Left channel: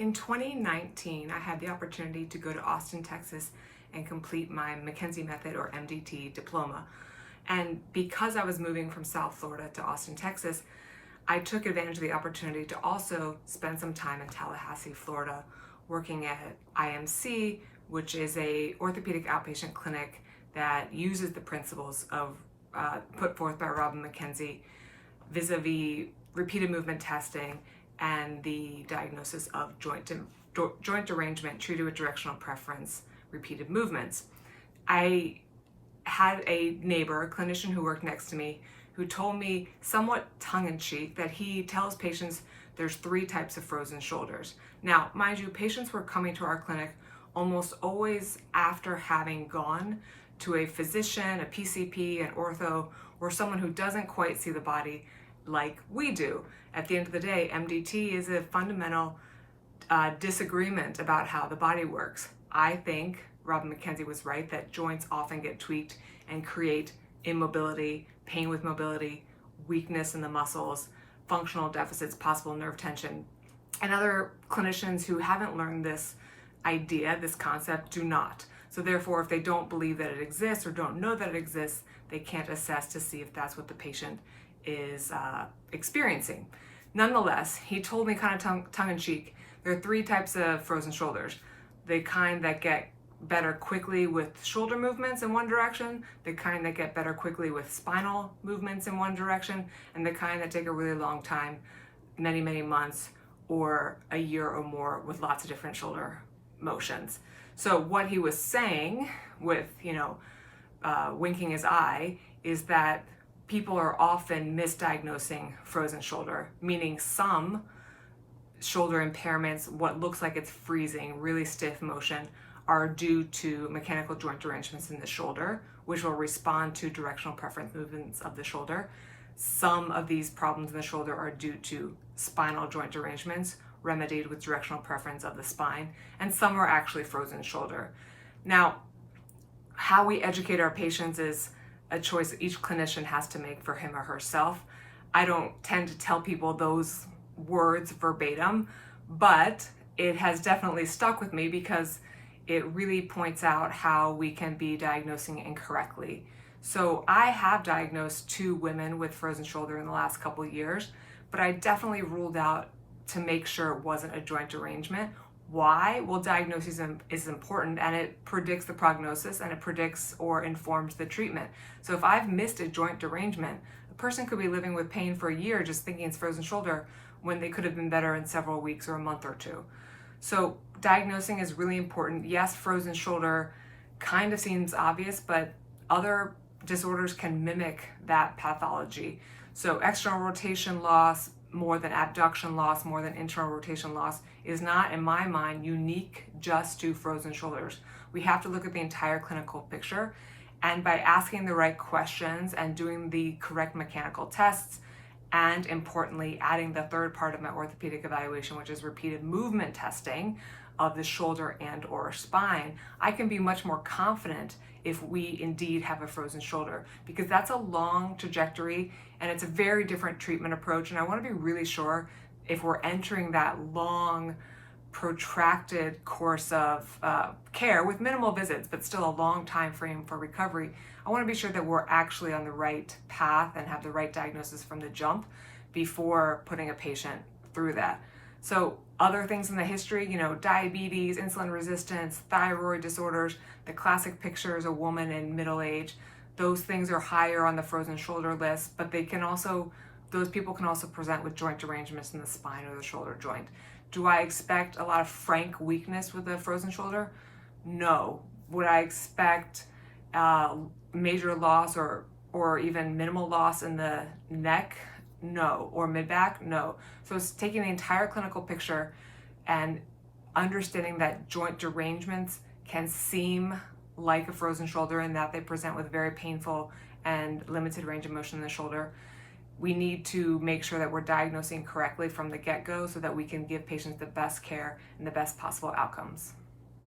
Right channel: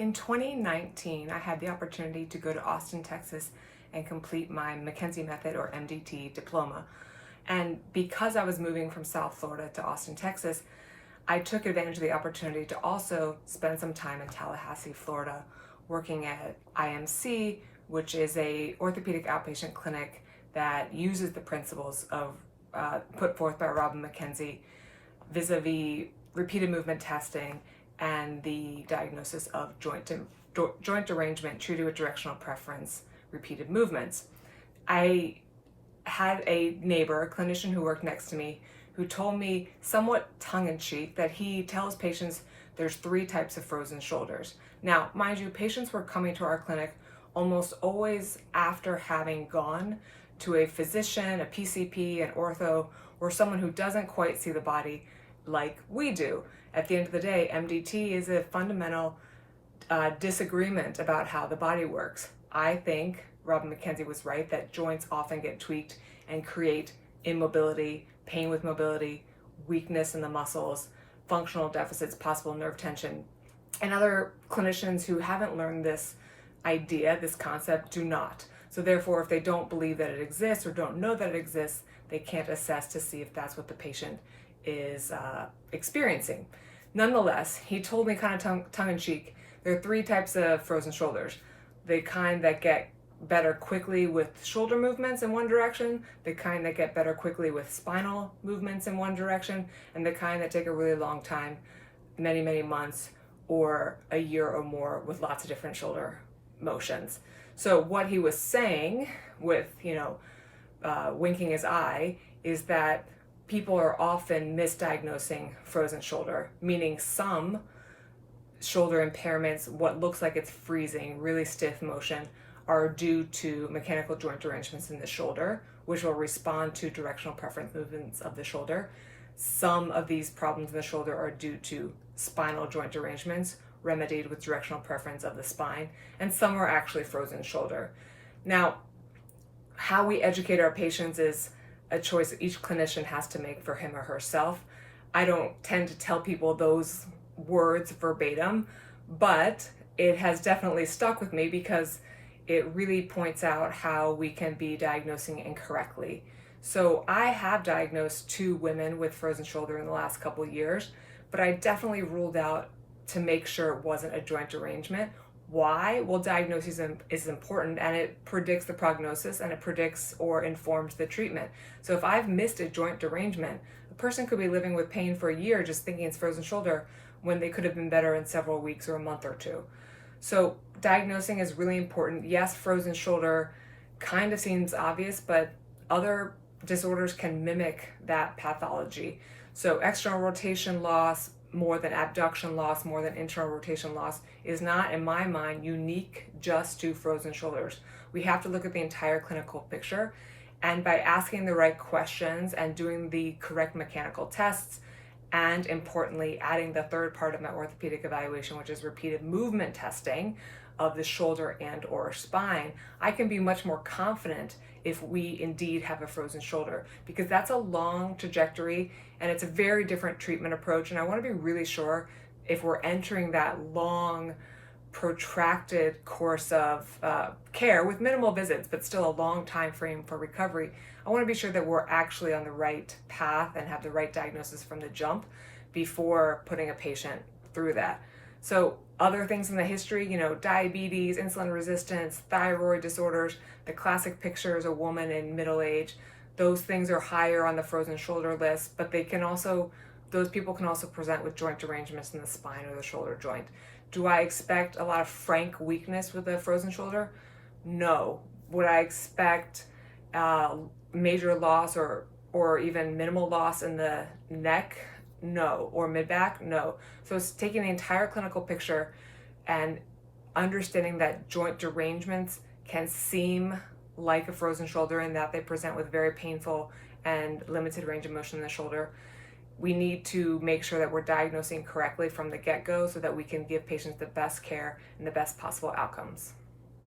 In 2019, I had the opportunity to go to Austin, Texas and complete my McKenzie Method or MDT diploma. And because I was moving from South Florida to Austin, Texas, I took advantage of the opportunity to also spend some time in Tallahassee, Florida, working at IMC, which is a orthopedic outpatient clinic that uses the principles of put forth by Robin McKenzie vis-a-vis repeated movement testing and the diagnosis of joint derangement treated with directional preference repeated movements. I had a neighbor, a clinician who worked next to me, who told me somewhat tongue-in-cheek that he tells patients there's 3 types of frozen shoulders. Now, mind you, patients were coming to our clinic almost always after having gone to a physician, a PCP, an ortho, or someone who doesn't quite see the body like we do. At the end of the day, MDT is a fundamental disagreement about how the body works. I think Robin McKenzie was right that joints often get tweaked and create immobility, pain with mobility, weakness in the muscles, functional deficits, possible nerve tension. And other clinicians who haven't learned this idea, this concept, do not. So therefore, if they don't believe that it exists or don't know that it exists, they can't assess to see if that's what the patient is experiencing. Nonetheless, he told me kind of tongue-in-cheek, there are 3 types of frozen shoulders. The kind that get better quickly with shoulder movements in one direction, the kind that get better quickly with spinal movements in one direction, and the kind that take a really long time, many, many months, or a year or more with lots of different shoulder motions. So what he was saying with, winking his eye is that people are often misdiagnosing frozen shoulder, meaning some shoulder impairments, what looks like it's freezing, really stiff motion, are due to mechanical joint derangements in the shoulder, which will respond to directional preference movements of the shoulder. Some of these problems in the shoulder are due to spinal joint derangements, remedied with directional preference of the spine, and some are actually frozen shoulder. Now, how we educate our patients is a choice that each clinician has to make for him or herself. I don't tend to tell people those words verbatim, but it has definitely stuck with me because it really points out how we can be diagnosing incorrectly. So I have diagnosed 2 women with frozen shoulder in the last couple of years, but I definitely ruled out to make sure it wasn't a joint derangement. Why? Well, diagnosis is important and it predicts the prognosis and it predicts or informs the treatment. So if I've missed a joint derangement, a person could be living with pain for a year just thinking it's frozen shoulder when they could have been better in several weeks or a month or 2. So diagnosing is really important. Yes, frozen shoulder kind of seems obvious, but other disorders can mimic that pathology. So external rotation loss, more than abduction loss, more than internal rotation loss, is not, in my mind, unique just to frozen shoulders. We have to look at the entire clinical picture, and by asking the right questions and doing the correct mechanical tests, and importantly, adding the 3rd part of my orthopedic evaluation, which is repeated movement testing of the shoulder and or spine, I can be much more confident if we indeed have a frozen shoulder, because that's a long trajectory and it's a very different treatment approach. And I want to be really sure if we're entering that long, protracted course of care with minimal visits, but still a long time frame for recovery, I want to be sure that we're actually on the right path and have the right diagnosis from the jump before putting a patient through that. So other things in the history, diabetes, insulin resistance, thyroid disorders, the classic picture is a woman in middle age. Those things are higher on the frozen shoulder list, but those people can also present with joint derangements in the spine or the shoulder joint. Do I expect a lot of frank weakness with a frozen shoulder? No. Would I expect major loss or even minimal loss in the neck? No. Or mid-back? No. So it's taking the entire clinical picture and understanding that joint derangements can seem like a frozen shoulder in that they present with very painful and limited range of motion in the shoulder. We need to make sure that we're diagnosing correctly from the get-go so that we can give patients the best care and the best possible outcomes.